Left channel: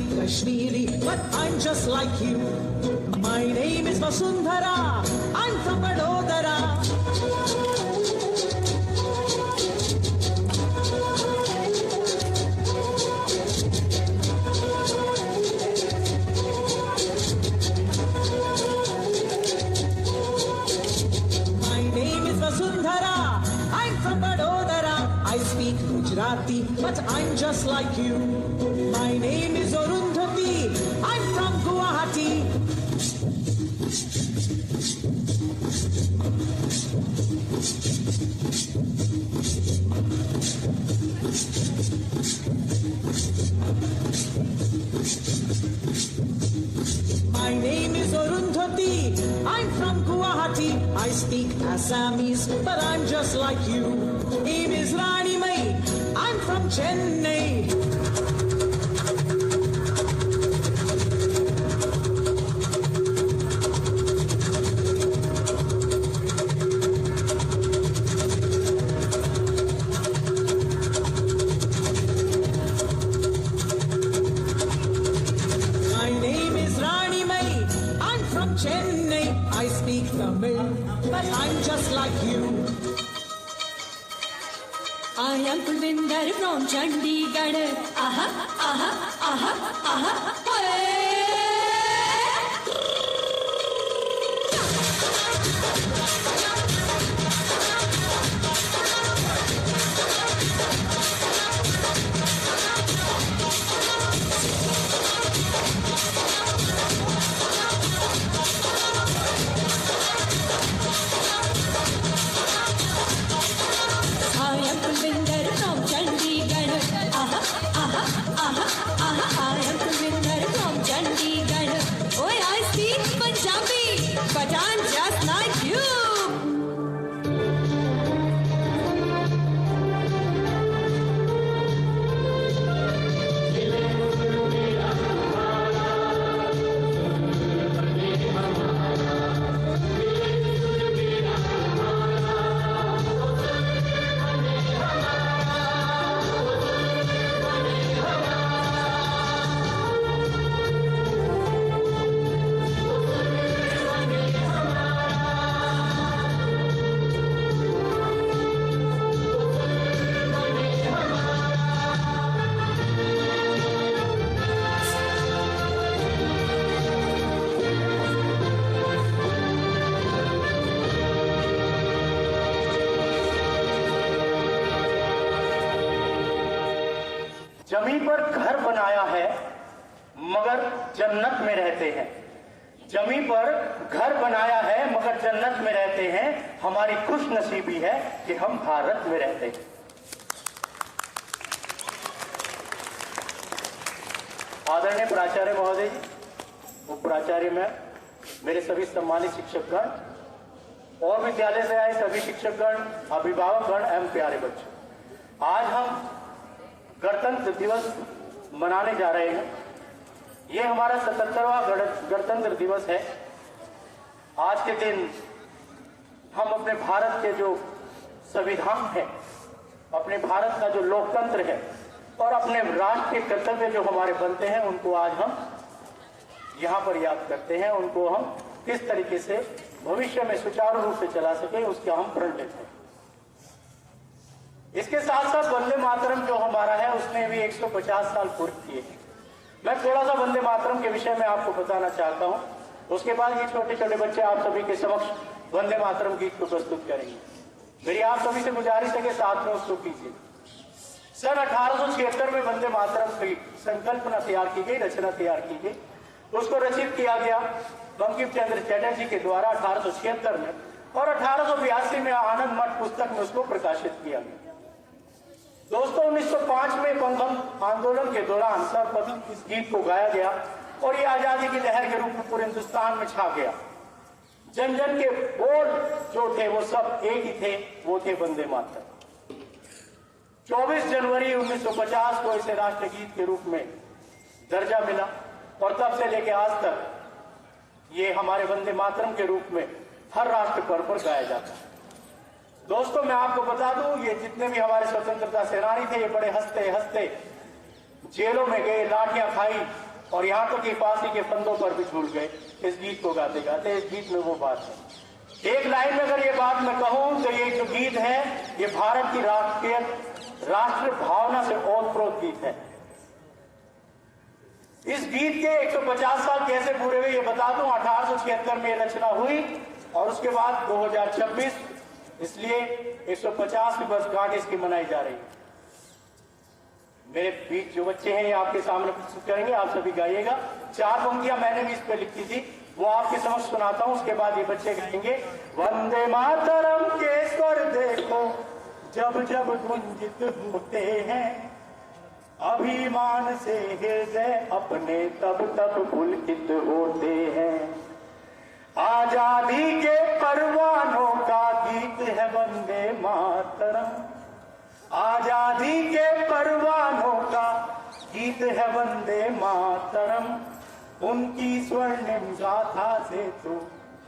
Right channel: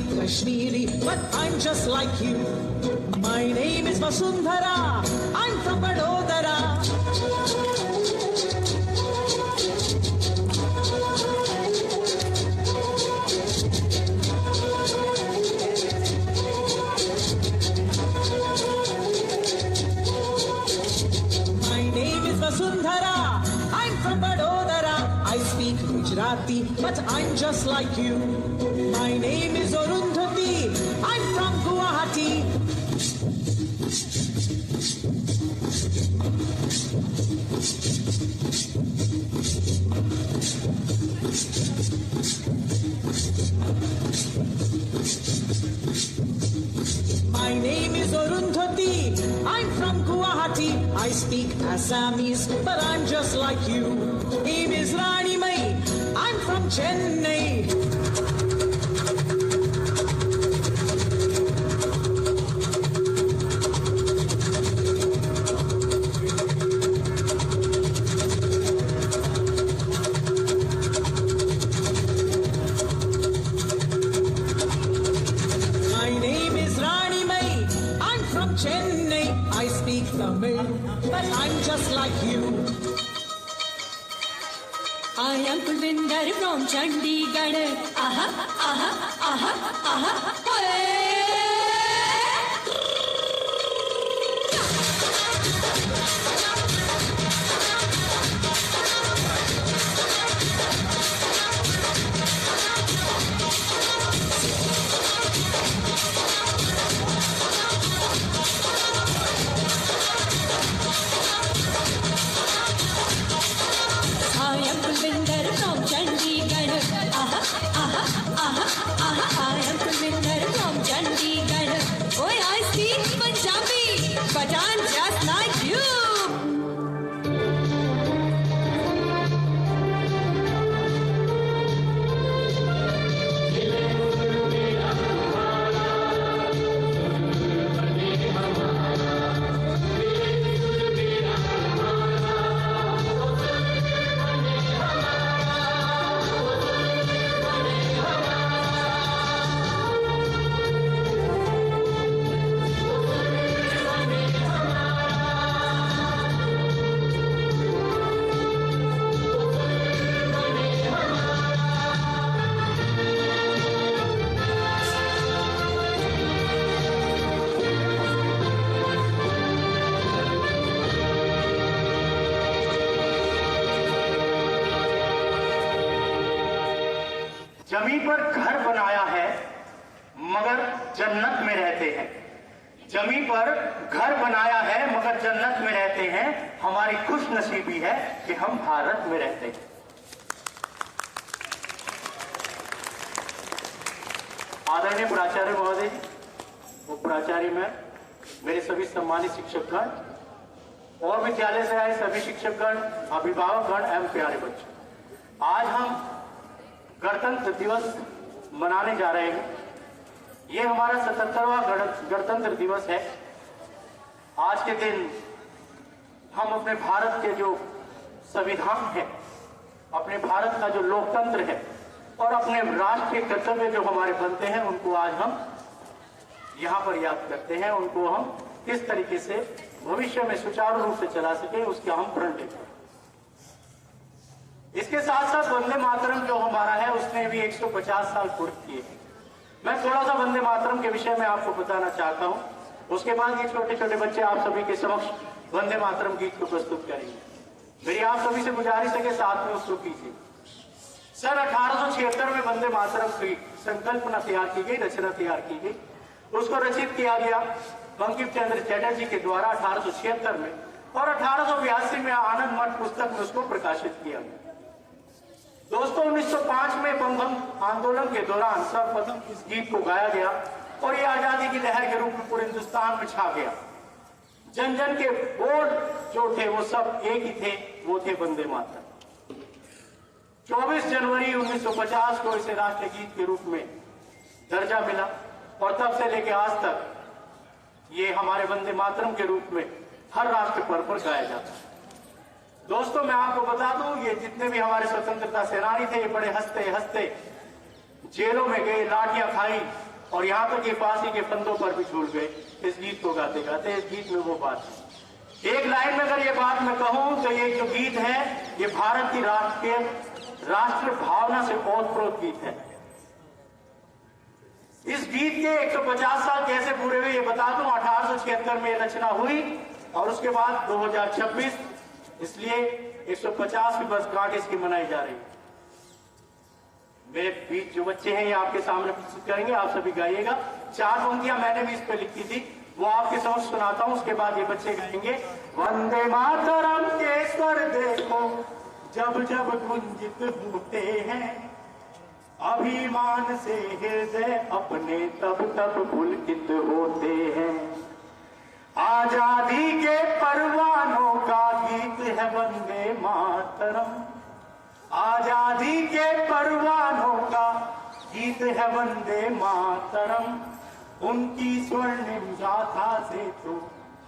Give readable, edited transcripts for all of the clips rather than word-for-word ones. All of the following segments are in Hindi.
speak Kashmiri, but I'm just like you. My name is Vasundhara, I'm from Vadodara. My name is Vasundhara, I'm from Vadodara. I speak Gujarati, but I'm just like you. My name is Arundhati, I'm from Guwahati. My name is Arundhati, I'm from Guwahati. I speak Assamese, but I'm just like you. Name is Rani Mai, I'm from Chennai. My name is Rani Mai, I'm from Chennai. I speak Tamil, but I'm just like you. I am Kuvinder from Chandigarh. Aha, aha, aha, aha. Hey! I am Kuvinder from Chandigarh. Aha, aha, aha, aha. I am Kuvinder from Chandigarh. Oh, I speak Punjabi, but I'm just like you. जमीन पर घर बनाया है मगर जन्नत में रहते हैं। जमीन पर घर बनाया है मगर जन्नत में रहते हैं। हमारी खुश नसीबी है कि हम भारत में रहते हैं। आदरणीय प्राचार्य महोदय जी, उप प्राचार्य में मेरे सभी सम्मानित शिक्षकगण और विद्यालय से आए सभी शिक्षकगण, अभिभावकगण एवं प्यारे बच्चों, आज हम गणतंत्र दिवस मनाने जा रहे हैं। ये हमारा 77वां गणतंत्र दिवस है। आज के दिन हम अपने भारत के जो संविधान है, अपने भारत का जो लोकतंत्र है और अपने राष्ट्र के कर्तव्य जो हमारे बनते हैं, उनको आज हम यहाँ पर याद करते हैं। उनको हम किस तरीके से भविष्य में सुचारू रूप से चला सके, उसके हम प्रण लेते हैं। इसके साथ साथ वंदे मातरम जो हमारा है, उसने भी 150 साल पूर्ण किए हैं। मैं थोड़ा सा वंदे मातरम के विषय में आपको बताना चाहता हूं। उसके बाद ये छोटे छोटे बच्चे आप सभी के समक्ष वंदे मातरम गीत को प्रस्तुत करेंगे। मेरी आप सभी से गुजारिश है कि साथ में उसको कीजिए। सन 1876 में वंदे मातरम की संकल्पना तैयार की गई, रचना तैयार की गई। उसको रचित किया गया बंकिम चंद्र चटर्जी के द्वारा 1876 में, और 1882 में आनंद मठ पुस्तक में उसको प्रकाशित किया गया। दोस्तों, 1905 में बंगम आंदोलन के दौरान सर्वप्रथम इस गीत को गाया गया और ये आजादी की लहर के रूप में पूरे हिंदुस्तान में छा गया। जन जन के बोल जो थे वो सब एक ही थे, वो थे वंदे मातरम। 24 जनवरी 1950 को इसे राष्ट्रगीत के रूप में दर्जा मिला और तब से लेकर आज तक ये हमारे वंदे मातरम के रूप में हर राष्ट्र पर्व पर गाया जाता है। दोस्तों, मैं आपको बता दूं, ये जितने भी हमारे स्वतंत्रता सेनानी थे, ये बड़े हंसते हंसते जेलों में गए, लाठियां खाई और यहाँ तक कि फांसी के फंदों पर भी झूल गए इस गीत को गाते गाते। इस गीत में वो बात है। एक लाइन में अगर ये बात मैं कहूं तो ये जो गीत है ये भारत की राष्ट्र भावना से ओतप्रोत गीत है। इस गीत के 150 साल कैसे पूरे हुए ये बता दूं। 1876 में ये रचना हुई और उसके बाद 2026 इसलिए 150 की वर्षगांठ इसकी मनाई जा रही है। मेरे बीच जो बच्चे हैं ये आपके सामने प्रस्तुत करेंगे, आप सभी गाइएगा। 4 पंक्तियां मैंने भी इस पे लिखी थी, वो आपके समक्ष सुनाता हूं, उसके बाद ये बच्चे गाएंगे। वंदे मातरम के स्वर देखो जब जब गुंजित होते हैं, अभिमान से हृदय अपने तब तब पुलकित होते हैं। आजादी के परवानों का गीत है वंदे मातरम, आजादी के परवानों का गीत है वंदे मातरम। उनकी स्वर्णिम गाथा से तो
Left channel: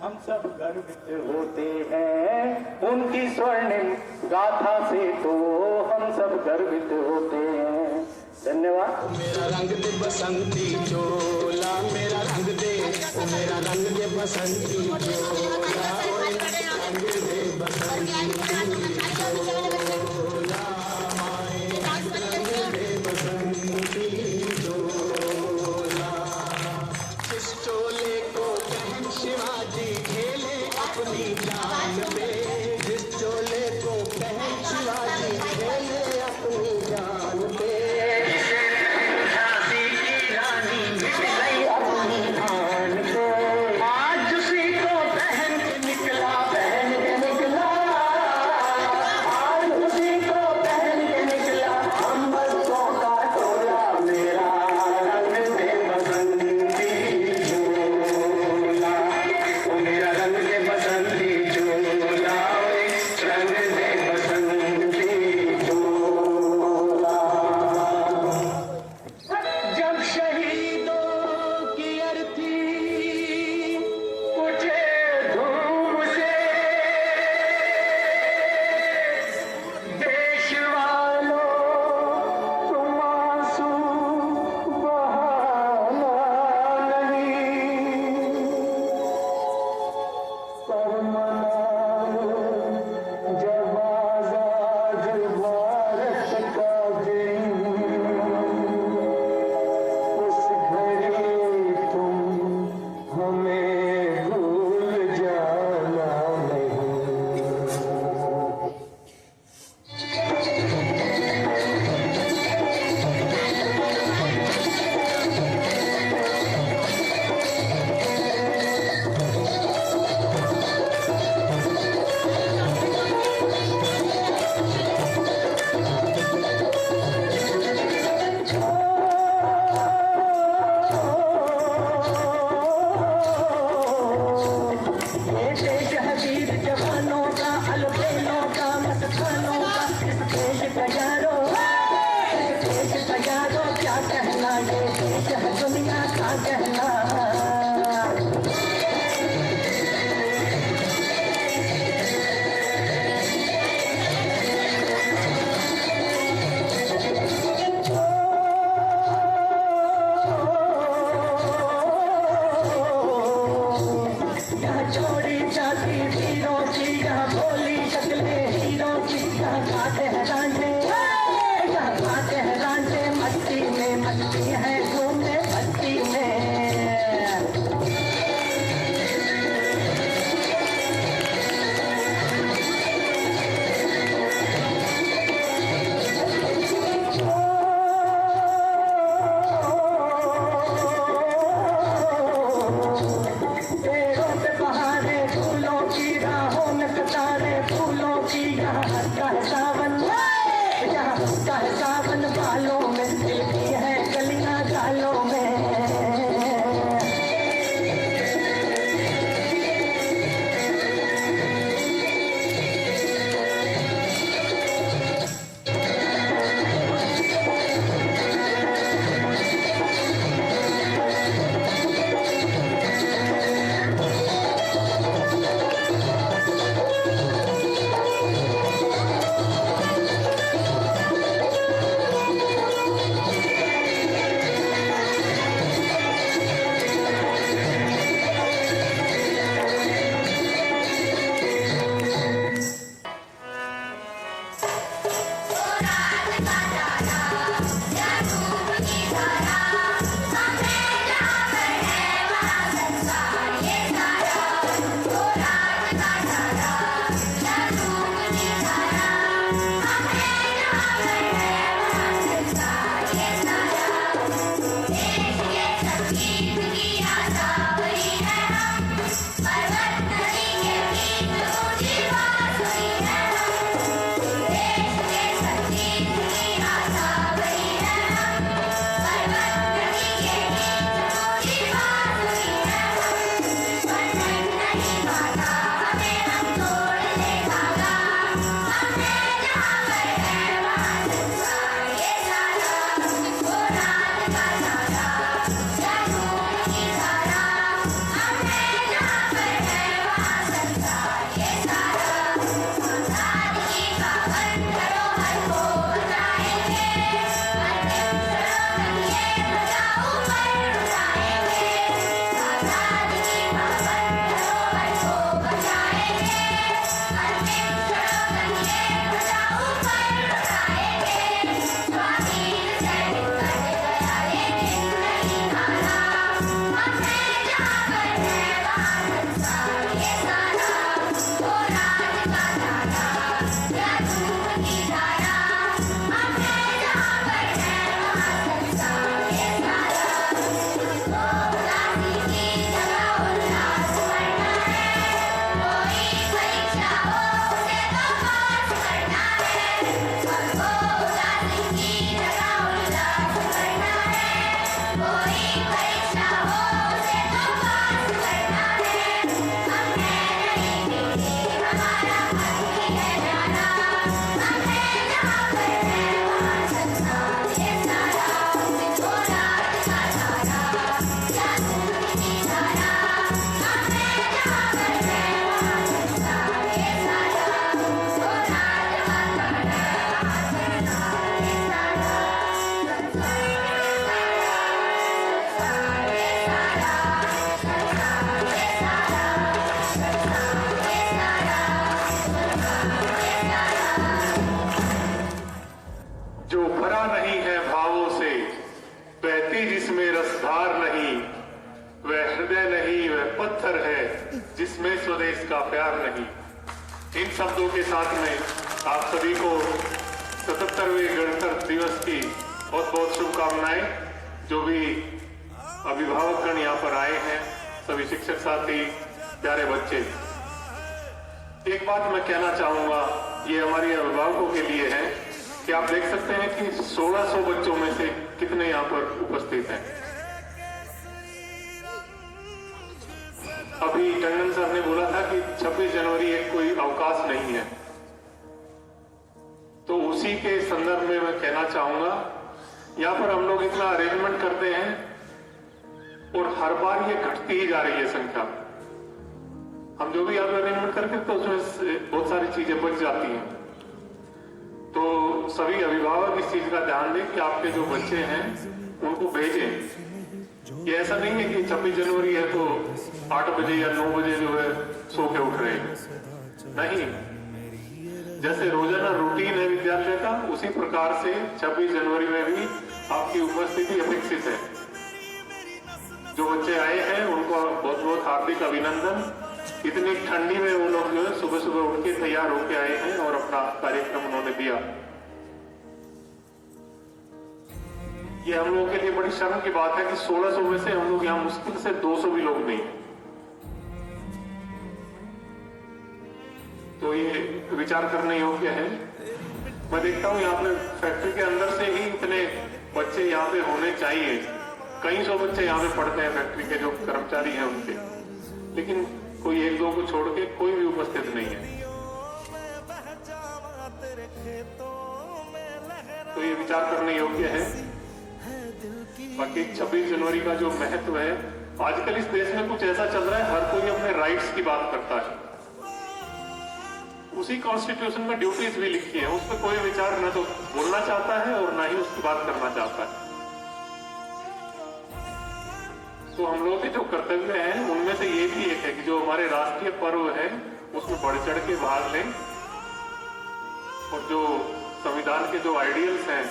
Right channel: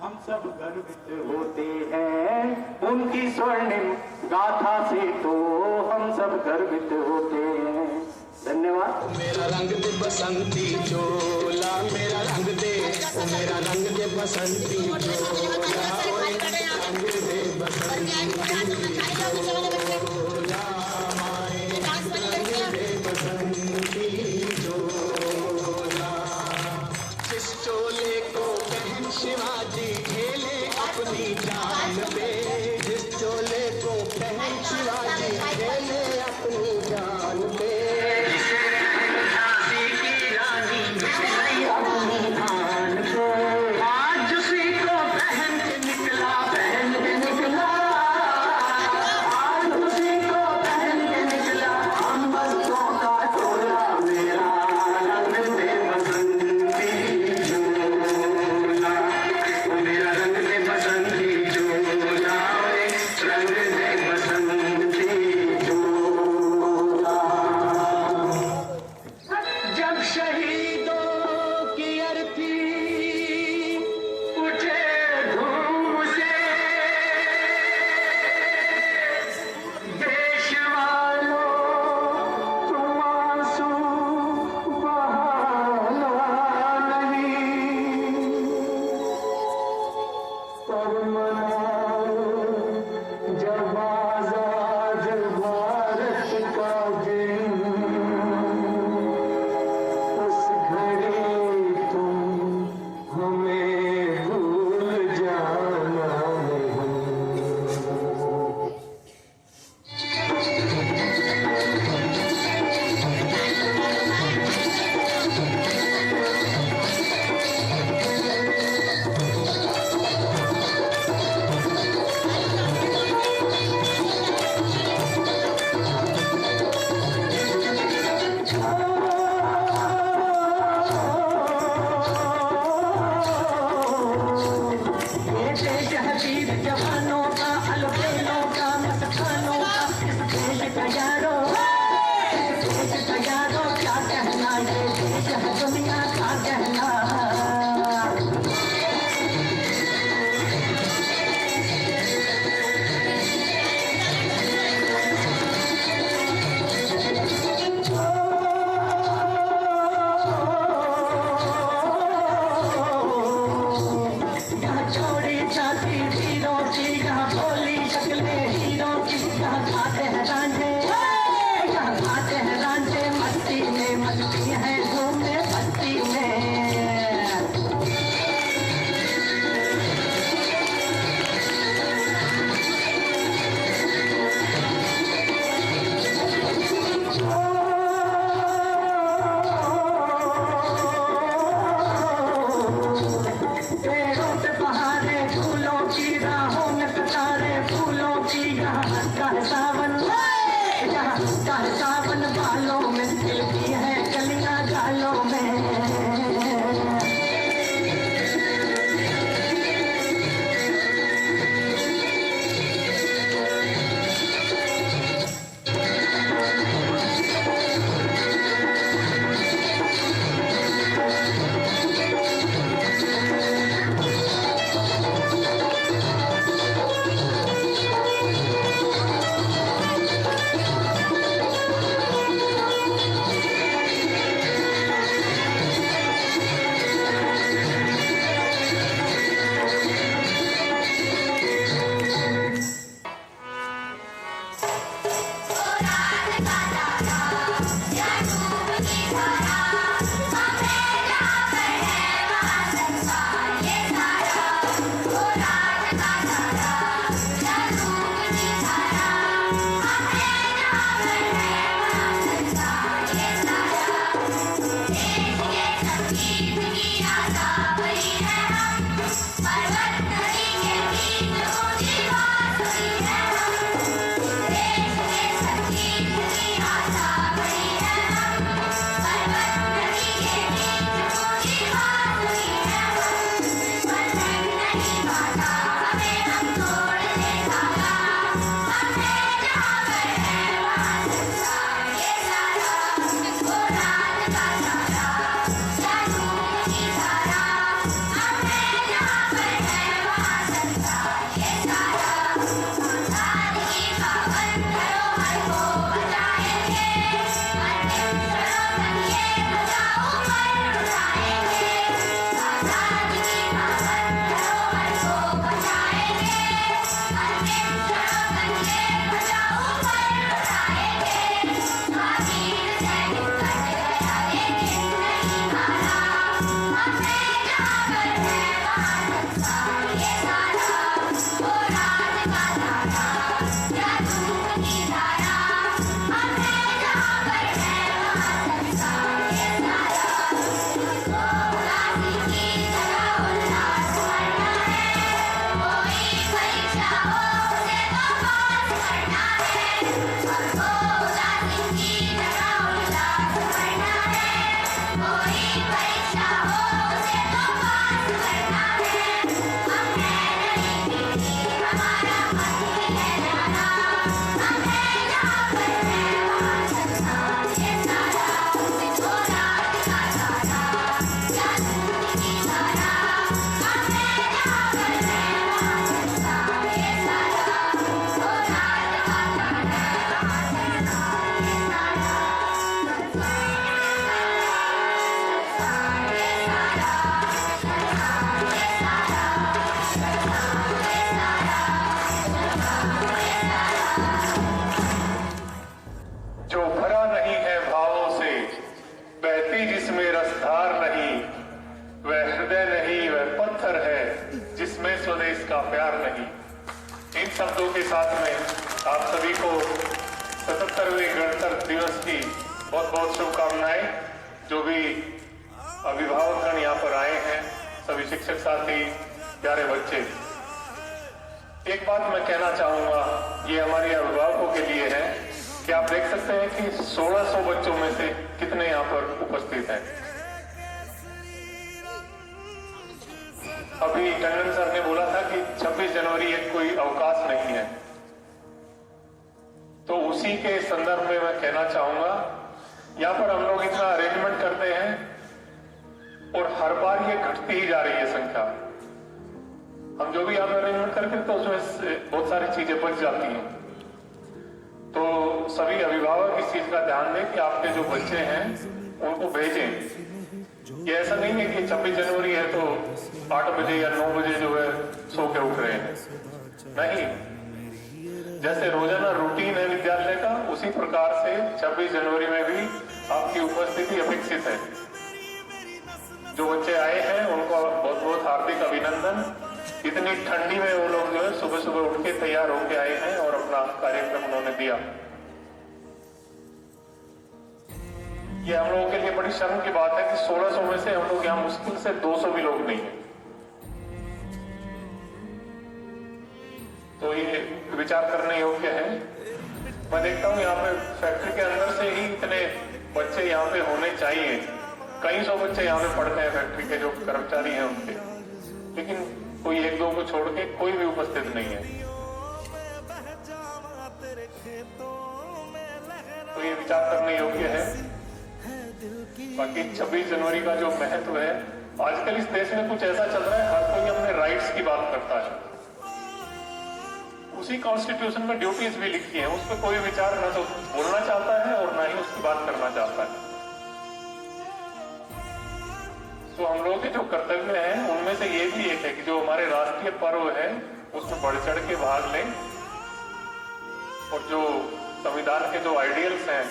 हम सब गर्वित होते हैं, उनकी स्वर्णिम गाथा से तो हम सब गर्वित होते हैं। धन्यवाद। मेरा रंग दे बसंती चोला, मेरा रंग दे, ओ मेरा रंग दे बसंती चोला, ओ रंग दे बसंती चोला, माए रंग दे बसंती चोला। इस चोले को पहन शिवाजी खेले अपनी जान पे, इस चोले को पहन शिवाजी खेले अपनी जान पे। जो भरा नहीं है भावों से, बहती जिसमें रसधार नहीं, वह हृदय नहीं वह पत्थर है जिसमें स्वदेश का प्यार नहीं। इन शब्दों के साथ में आप सभी को 77वें गणतंत्र दिवस की बहुत बहुत शुभकामनाएं। जो भी अभिभावकगण यहाँ पर आए हैं, सभी शिक्षक साथी, प्यारे बच्चे, एक बात मैं कहना चाहूंगा, ये हमारे अभिभावकों के लिए है कि आप देख सकते हैं कि 1600 बच्चों में से कितने यहाँ पर उपस्थित हैं। अभी टंडन सर ने बोला था कि 26 जनवरी एक कोई अवकाश नहीं है, तो उसी के संदर्भ में मैं कहना चाहूंगा, यहाँ पर हम लोग इतना अरेंजमेंट करते हैं और हर बार ये घटती ही जा रही है संख्या। हम जो भी यहाँ पर अरेंजमेंट करते हैं तो उसमें बहुत सारी चीजें बच जाती हैं। तो सभी अभिभावक इस चीज का ध्यान दें कि आपके जो बच्चे हैं उनको भेजें। ये ऐसा नहीं है कि 26 जनवरी है तो 8 बजे या 9 बजे जो है सो के उठ रहे हैं, नहीं। जैसे रोजाना रूटीन है विद्यालय का, उसी प्रकार से 26 जनवरी में भी आपकी उपस्थिति अपेक्षित है। जो बच्चे आए हैं उनको बहुत बहुत हार्दिक अभिनंदन। इतनी ठंडी में वो लोग जो है सुबह सुबह उठ के तैयार होके आए हैं और अपना कार्यक्रम उन्होंने दिया। ये हम लोगों के लिए बड़ी शर्म की बात है कि 1600 में से हम लोग यहाँ मुश्किल से 200 भी लोग नहीं। तो ये विचार करने योग्य है। मैं देखता हूँ यहाँ पे फैक्ट्री के अंदर से ही इतने बच्चे यहाँ पे होने चाहिए। कई सौ बच्चे यहाँ पे पढ़ते हैं फैक्ट्री के जो कर्मचारी हैं उनके, लेकिन कोई एक दो को छोड़ के कोई भी उपस्थित नहीं है। तो ये विचार करने योग्य है। बाकी 26 जनवरी का जो महत्व है, आजकल इस देश में कुछ ऐसा चल रहा है, हर कोई अपने राइट्स की बात करता है। उसी कॉन्स्टिट्यूशन में ड्यूटीज भी लिखी है, उस पर कोई विचार न तो बोलना चाहता है और ना ही उसकी बात करना चाहता है। तो हम लोगों के जो कर्तव्य हैं उनमें से ये भी एक है कि जो हमारे राष्ट्रीय पर्व है उसमें बढ़ चढ़ के भाग लें और जो संविधान के जो आइडियल्स हैं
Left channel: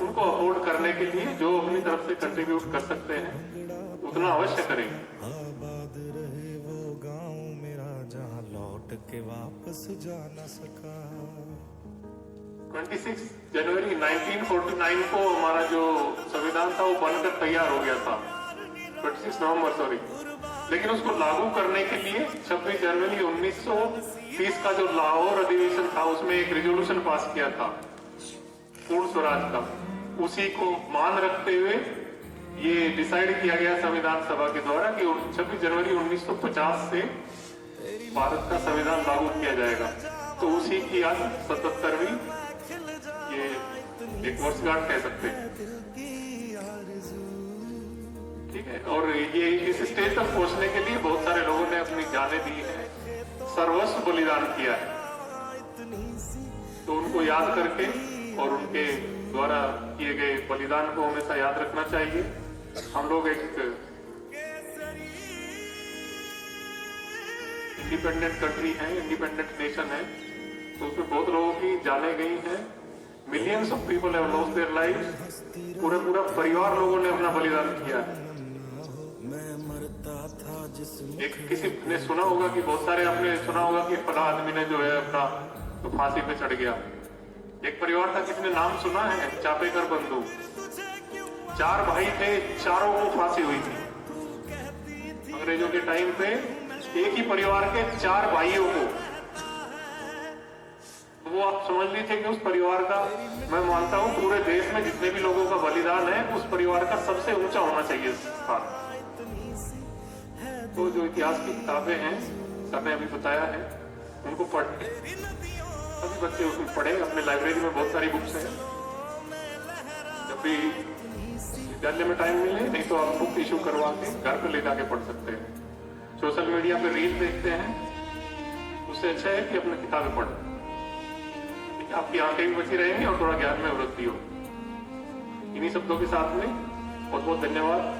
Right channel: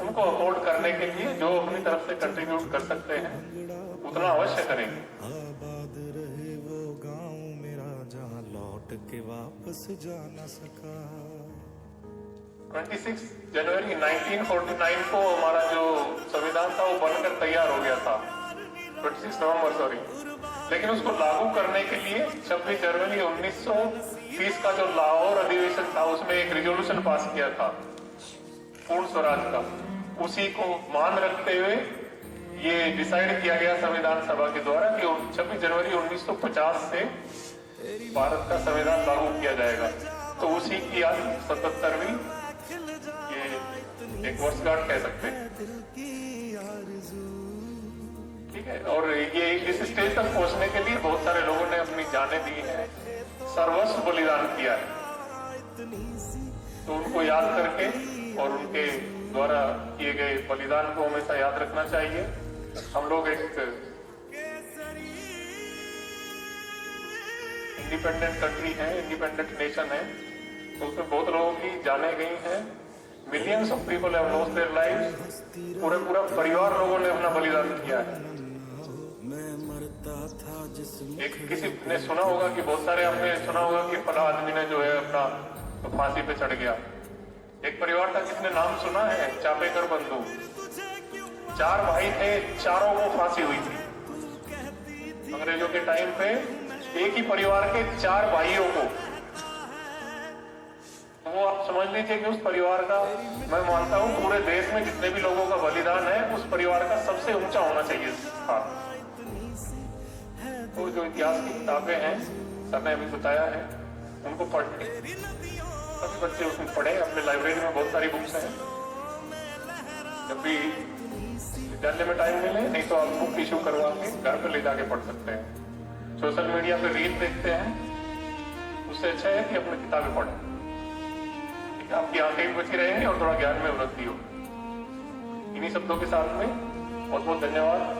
उनको अफोर्ड करने के लिए जो अपनी तरफ से कंट्रीब्यूट कर सकते हैं उतना अवश्य करें। आबाद रहे वो गांव मेरा जहां लौट के वापस जा न सका। 26 जनवरी 1949 को हमारा जो संविधान था वो बनकर तैयार हो गया था, 26 नवंबर सॉरी, लेकिन उसको लागू करने के लिए 26 जनवरी 1930 का जो लाहौर अधिवेशन था उसमें एक रिजोल्यूशन पास किया था पूर्ण स्वराज का। उसी को मान रखते हुए ये डिसाइड किया गया संविधान सभा के द्वारा कि 26 जनवरी 1950 से भारत का संविधान लागू किया जाएगा। तो उसी की आज 77वीं ये एक वर्षगांठ कह सकते हैं, ठीक है। और ये इस स्टेज तक पहुंचने के लिए बहुत सारे लोगों ने अपनी जानें दी हैं, सर्वस्व बलिदान किया है। तो उनको याद करके और उनके द्वारा किए गए बलिदान को हमेशा याद रखना चाहिए। हम लोग एक इंडिपेंडेंट कंट्री है, इंडिपेंडेंट नेशन है, तो उसमें बहुत लोगों की जानें गई हैं। Millions of people have lost their lives, पूरा परिवार लोगों ने अपना बलिदान किया है। मैं मरता था जिस एक किसी ने सुना होगा कि बहुत सारे आपने सुना होगा कि फला आदमी ने जो है अपना तो फांसी पे चढ़ गया, एक परिवार था जिसने नाम सुना है, चापेकर बंधु। 4 भाई थे, चारों को फांसी हुई थी अंग्रेजों के टाइम पे। एक ही परिवार के 4 भाइयों को, वो आप समझ लीजिए कि उस परिवार का, मैं मानता हूँ पूरे देश में जितने भी लोगों का बलिदान है उस परिवार का सबसे ऊंचा होना चाहिए था। तो जो इतिहास की किताबें हैं, सर ने अभी बताया है, उनको पढ़े, सभी बच्चे उसको पढ़े। अपने लाइब्रेरी में बहुत सारी बुक्स हैं, जब भी विद्यालय में टाइम मिले, नहीं तो आप बुक इशू करवा के घर पे ले जाके पढ़ सकते हैं। सोशल मीडिया पे रील देखते हैं, उससे अच्छा है कि अपनी किताबें पढ़ें, आपकी आंखें भी बची रहेंगी और थोड़ा ज्ञान में उन्नति हो। इन्हीं शब्दों के साथ में बहुत बहुत धन्यवाद।